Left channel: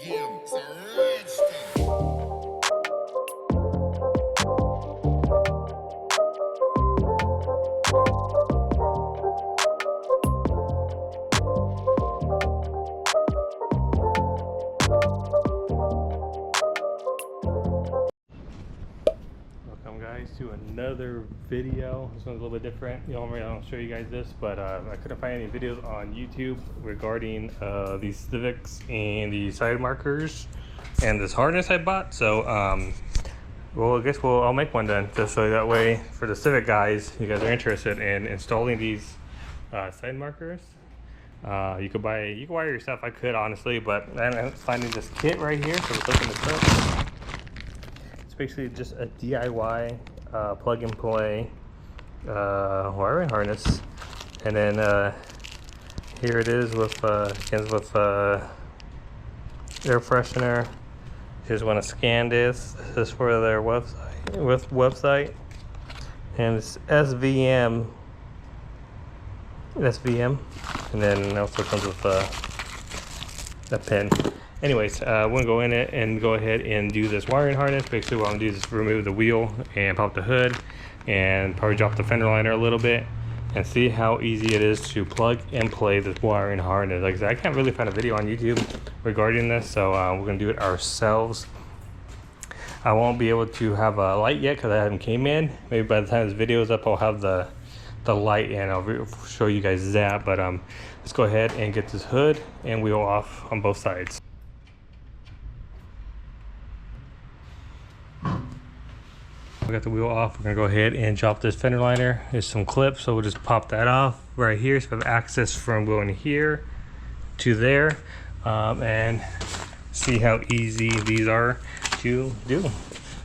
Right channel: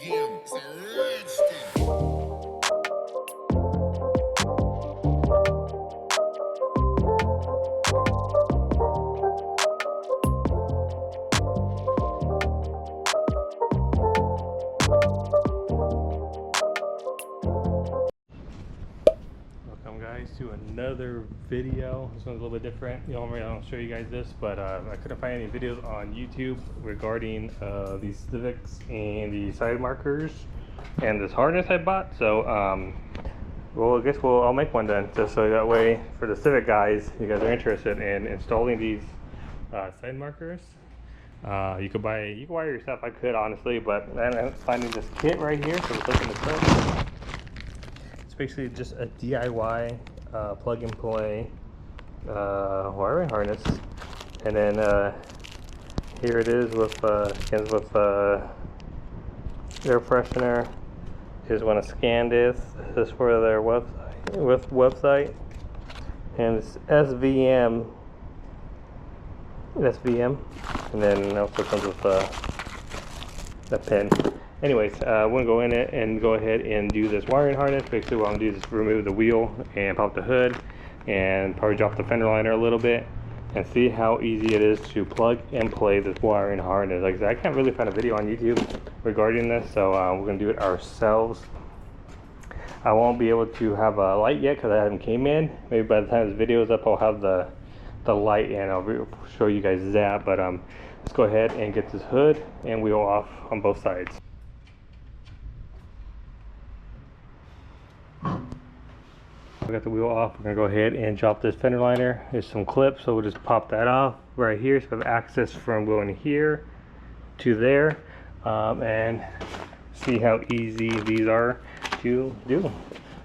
game. It's a rich thing. Welcome guys to another video. This one's a little bit different. Normally I don't show you guys this, but I couldn't find any videos on YouTube regarding these Civics and the side markers and this harness I bought. So well, I guess I'll make one then, just so that way for the Civic guys, you guys are interested in installing these side markers. You could buy it yourself. I could honestly, but I'm finding this kit right here. So let's open this up. It's basically just a DIY plug and play wiring harness, and then here it is with comes with air freshener. You just want to scan this. This is for their website, and it's SVM, and then it also comes with a pin. Anyways, we're gonna go in it and go ahead and do this wiring harness. Basically what I'm gonna do is just remove the wheel and pop the hood and probably drop the fender liner a little bit and see how easy it is to plug and play this wiring harness. Like I said, I can't really find a video on YouTube regarding this, so we're gonna do it ourselves. I won't be able to have a light yet because I haven't came in. Maybe by the time this video is up, I'll have the light and I'll show you guys that. But let's go ahead and get this hood and wheel off on both sides. We got the wheel off. We're gonna go ahead and drop this fender liner. There's some clips, so we'll just pop that off right here, so we have access from going here to there, and see how easy these are to do.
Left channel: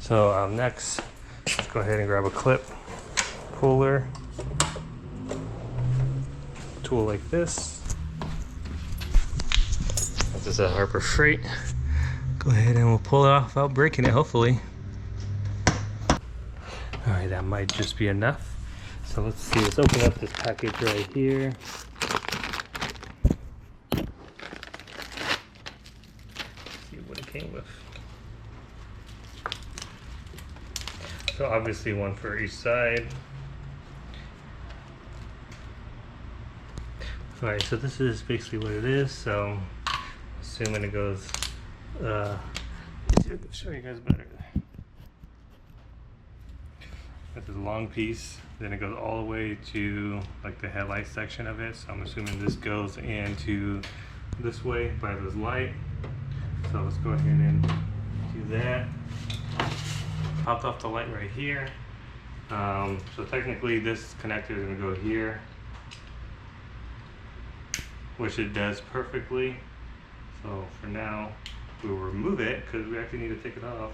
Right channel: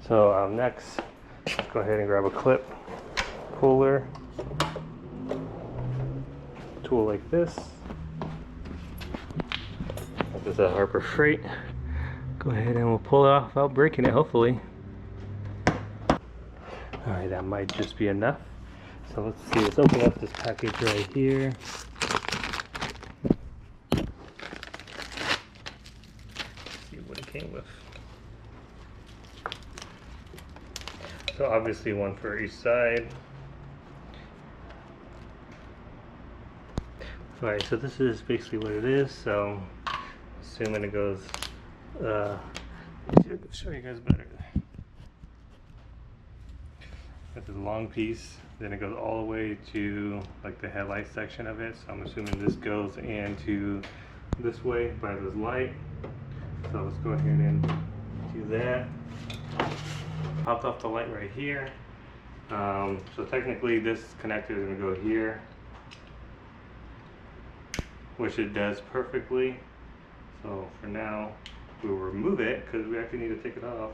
So next, let's go ahead and grab a clip puller tool like this. This is a Harbor Freight. Go ahead and we'll pull it off without breaking it, hopefully. All right, that might just be enough. So let's see, let's open up this package right here. See what it came with. So obviously one for each side. All right, so this is basically what it is. So assuming it goes, let's see if I can show you guys better. Got this long piece, then it goes all the way to like the headlight section of it. So I'm assuming this goes into this way by this light. So let's go ahead and do that. Popped off the light right here. So technically this connector is gonna go here, which it does perfectly. So for now, we'll remove it because we actually need to take it off.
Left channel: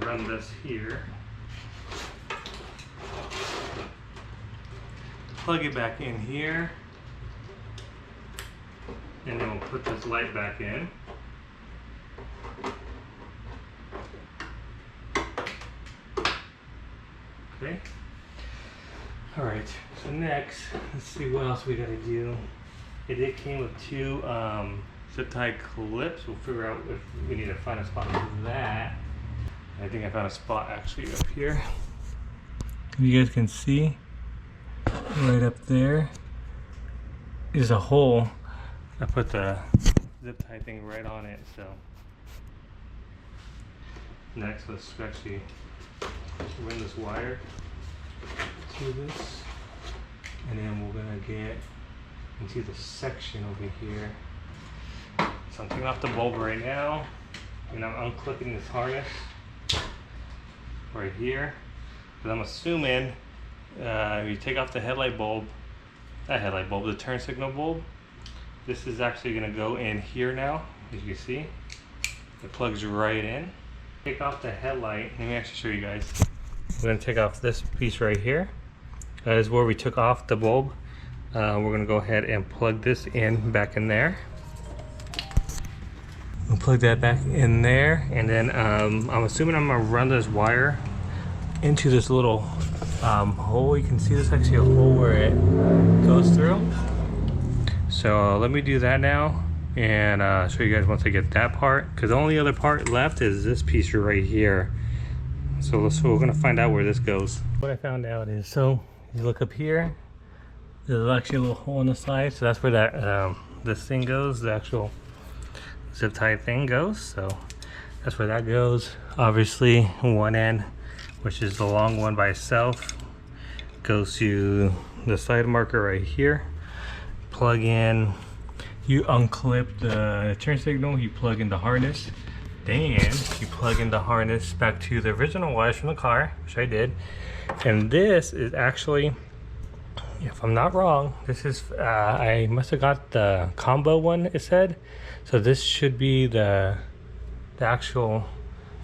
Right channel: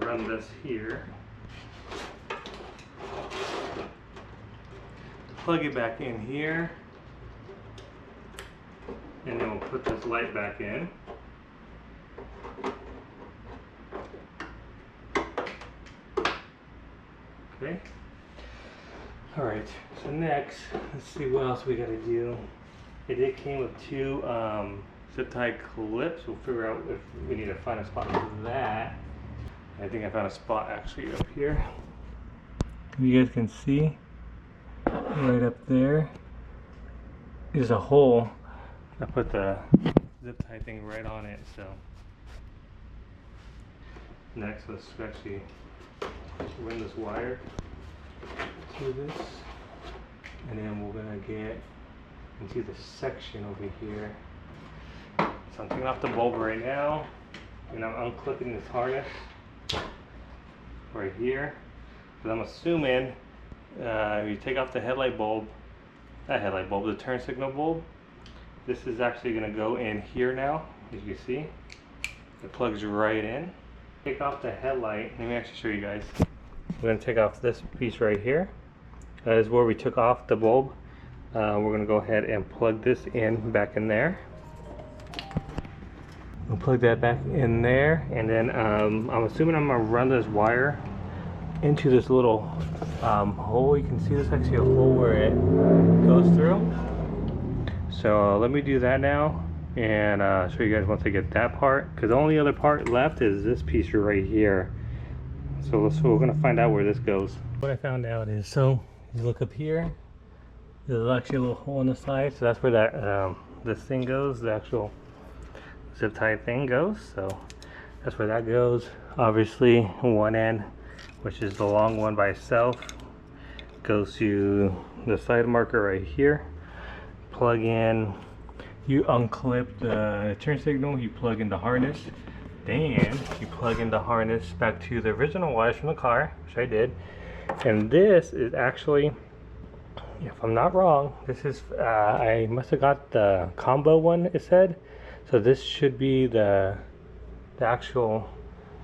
Run this here, plug it back in here, and then we'll put this light back in. Okay. All right, so next, let's see what else we gotta do. It came with two zip tie clips. We'll figure out if we need to find a spot for that. I think I found a spot actually up here. You guys can see right up there is a hole. I put the zip tie thing right on it. So next, let's actually run this wire to this, and then we're gonna get into the section over here. So I'm taking off the bulb right now, and I'm unclipping this harness right here, because I'm assuming you take off the the turn signal bulb. This is actually going to go in here now. As you can see, it plugs right in. Take off the headlight. Let me actually show you guys. We're going to take off this piece right here. That is where we took off the bulb. We're going to go ahead and plug this in back in there. We'll plug that back in there, and then I'm assuming I'm gonna run this wire into this little hole. You can see there's actually a hole where it goes through. So let me do that now, and show you guys once I get that part, because the only other part left is this piece right here. So we're gonna find out where this goes. What I found out is, so you look up here, there's actually a little hole in the side, so that's where that this thing goes, the actual zip tie thing goes. So that's where that goes. Obviously one end, which is the long one by itself, goes to the side marker right here. Plug in, you unclip the turn signal, you plug in the harness, then you plug in the harness back to the original wires from the car, which I did. And this is actually, if I'm not wrong, this is I must have got the combo one, it said. So this should be the actual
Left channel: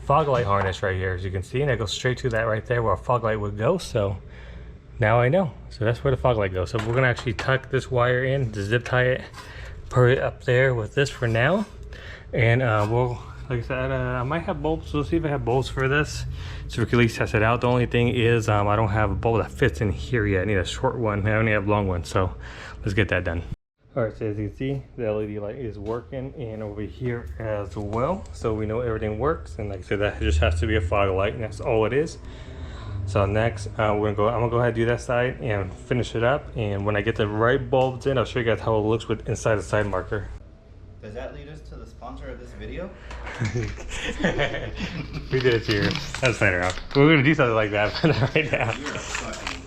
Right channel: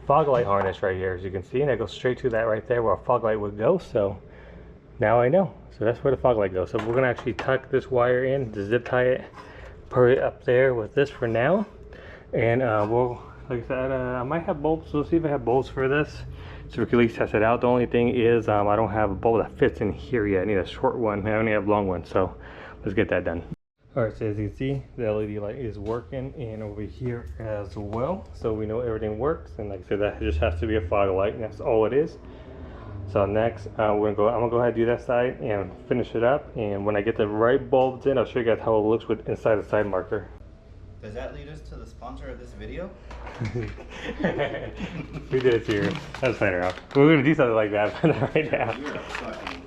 fog light harness right here, as you can see, and it goes straight to that right there where a fog light would go. So now I know. So that's where the fog light goes. So we're gonna actually tuck this wire in to zip tie it, put it up there with this for now. And we'll, like I said, I might have bolts. We'll see if I have bolts for this, so we can at least test it out. The only thing is I don't have a bolt that fits in here yet. I need a short one. I only have a long one, so let's get that done. All right, so as you can see, the LED light is working, and over here as well. So we know everything works, and like I said, that just has to be a fog light, and that's all it is. So next, I'm gonna go ahead and do that side and finish it up. And when I get the right bulbs in, I'll show you guys how it looks with inside the side marker. Does that lead us to the sponsor of this video? We did it to you. That's later on. We're gonna do something like that right now. You're a fucking...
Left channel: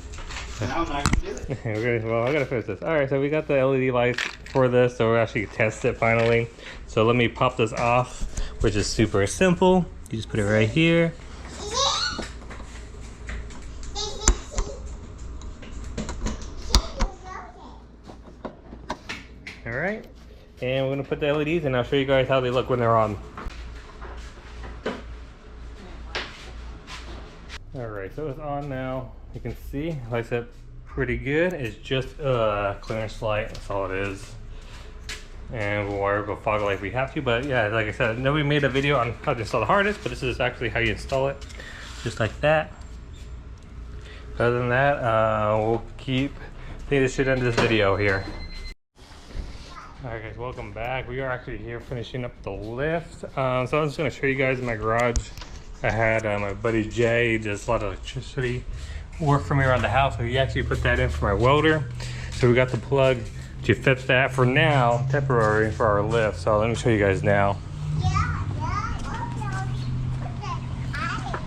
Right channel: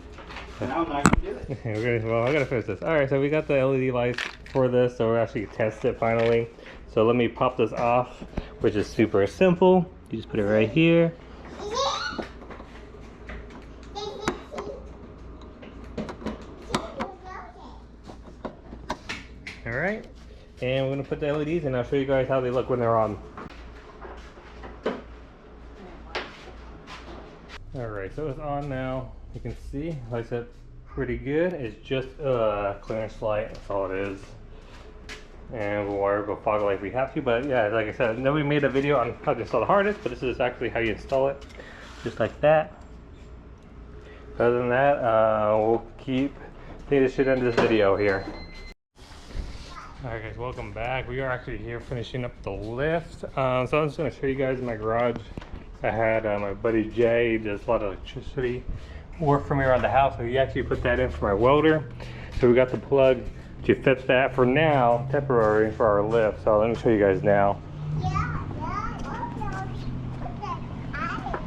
Now I'm not gonna do it. Well, I gotta finish this. All right, so we got the LED lights for this, so we're actually gonna test it finally. So let me pop this off, which is super simple. You just put it right here. All right, and we're gonna put the LEDs in. I'll show you guys how they look when they're on. All right, so it's on now. You can see, lights up pretty good. It's just a clearance light, that's all it is. And we'll wire up a fog light if we have to, but yeah, like I said, nobody made a video on how to install the harness, but this is actually how you install it, just like that. Other than that, we'll take this shit into this video here. Alright guys, welcome back. We are actually here finishing up the lift. So I'm just going to show you guys in my garage. I had my buddy Jay, does a lot of electricity work for me around the house, so he actually put that in for my welder. So we got the plug to fit that for now, temporary for our lift. So let me show you guys now.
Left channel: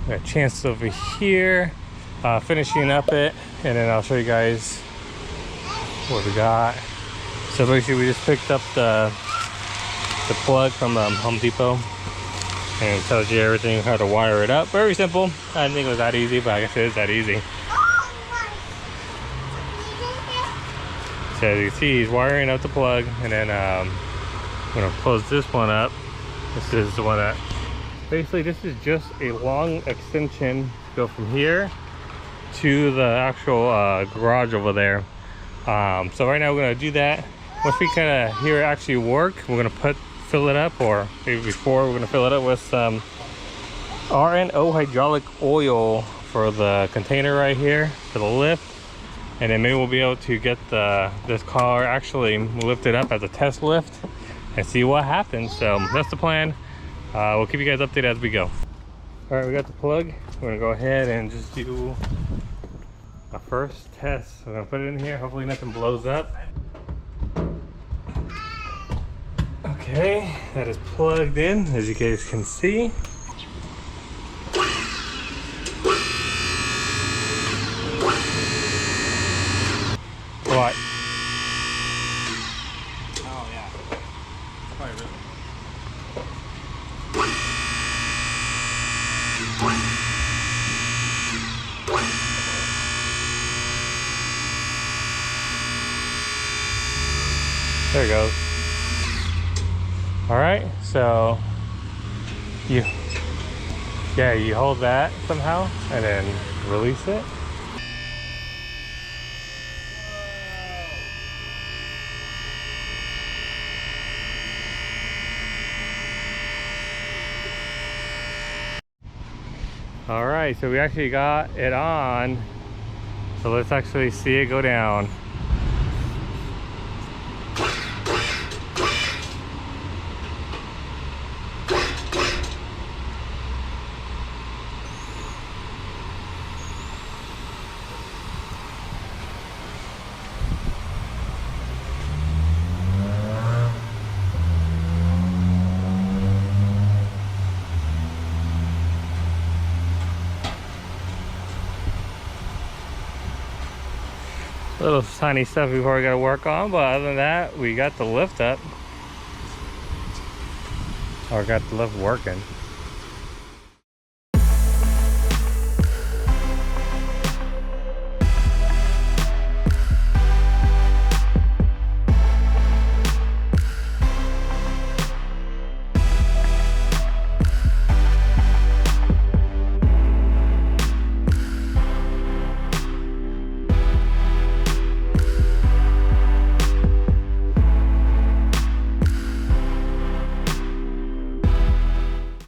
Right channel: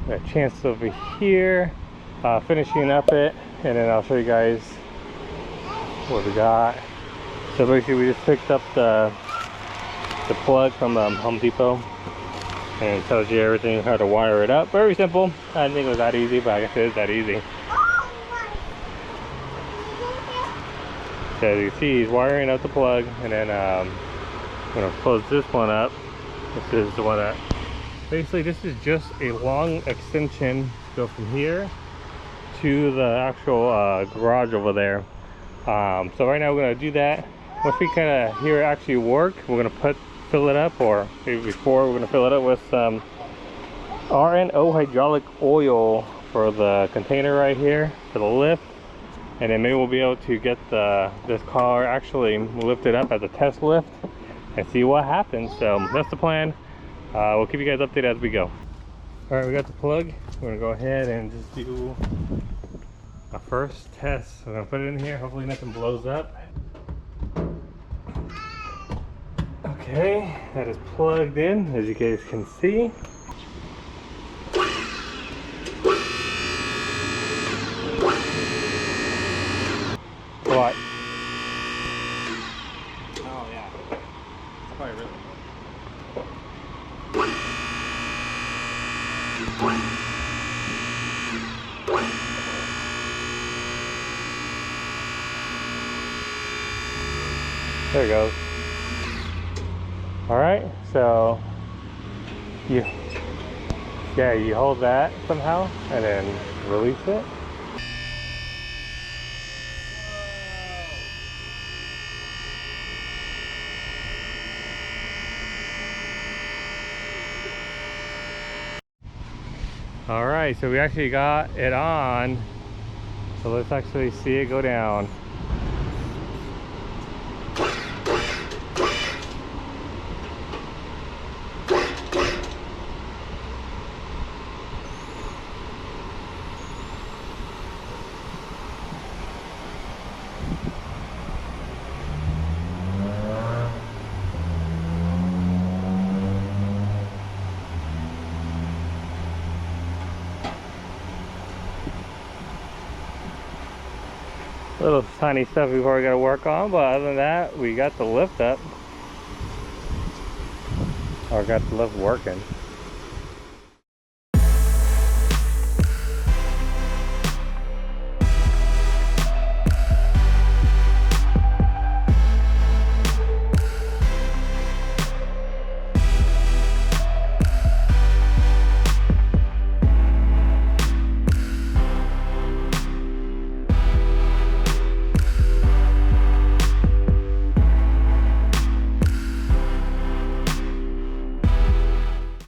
Got a chance over here, finishing up it, and then I'll show you guys what we got. So basically we just picked up the plug from Home Depot, and it tells you everything, how to wire it up. Very simple. I didn't think it was that easy, but I guess it is that easy. So as you can see, he's wiring up the plug, and then I'm gonna close this one up. This is the one that, basically this is just a long extension to go from here to the actual garage over there. So right now we're gonna do that. Once we kind of hear it actually work, we're gonna fill it up, or maybe before, we're gonna fill it up with some RNO hydraulic oil for the container right here for the lift, and then maybe we'll be able to get this car actually lifted up as a test lift and see what happens. So that's the plan. We'll keep you guys updated as we go. All right, we got the plug. We're gonna go ahead and just do a first test. We're gonna put it in here. Hopefully nothing blows up. Okay, that is plugged in, as you guys can see. What? Oh yeah. Probably really. There it goes. All right, so you hold that somehow and then release it. All right, so we actually got it on. So let's actually see it go down. Little tiny stuff we've already got to work on, but other than that, we got the lift up. Or got the lift working.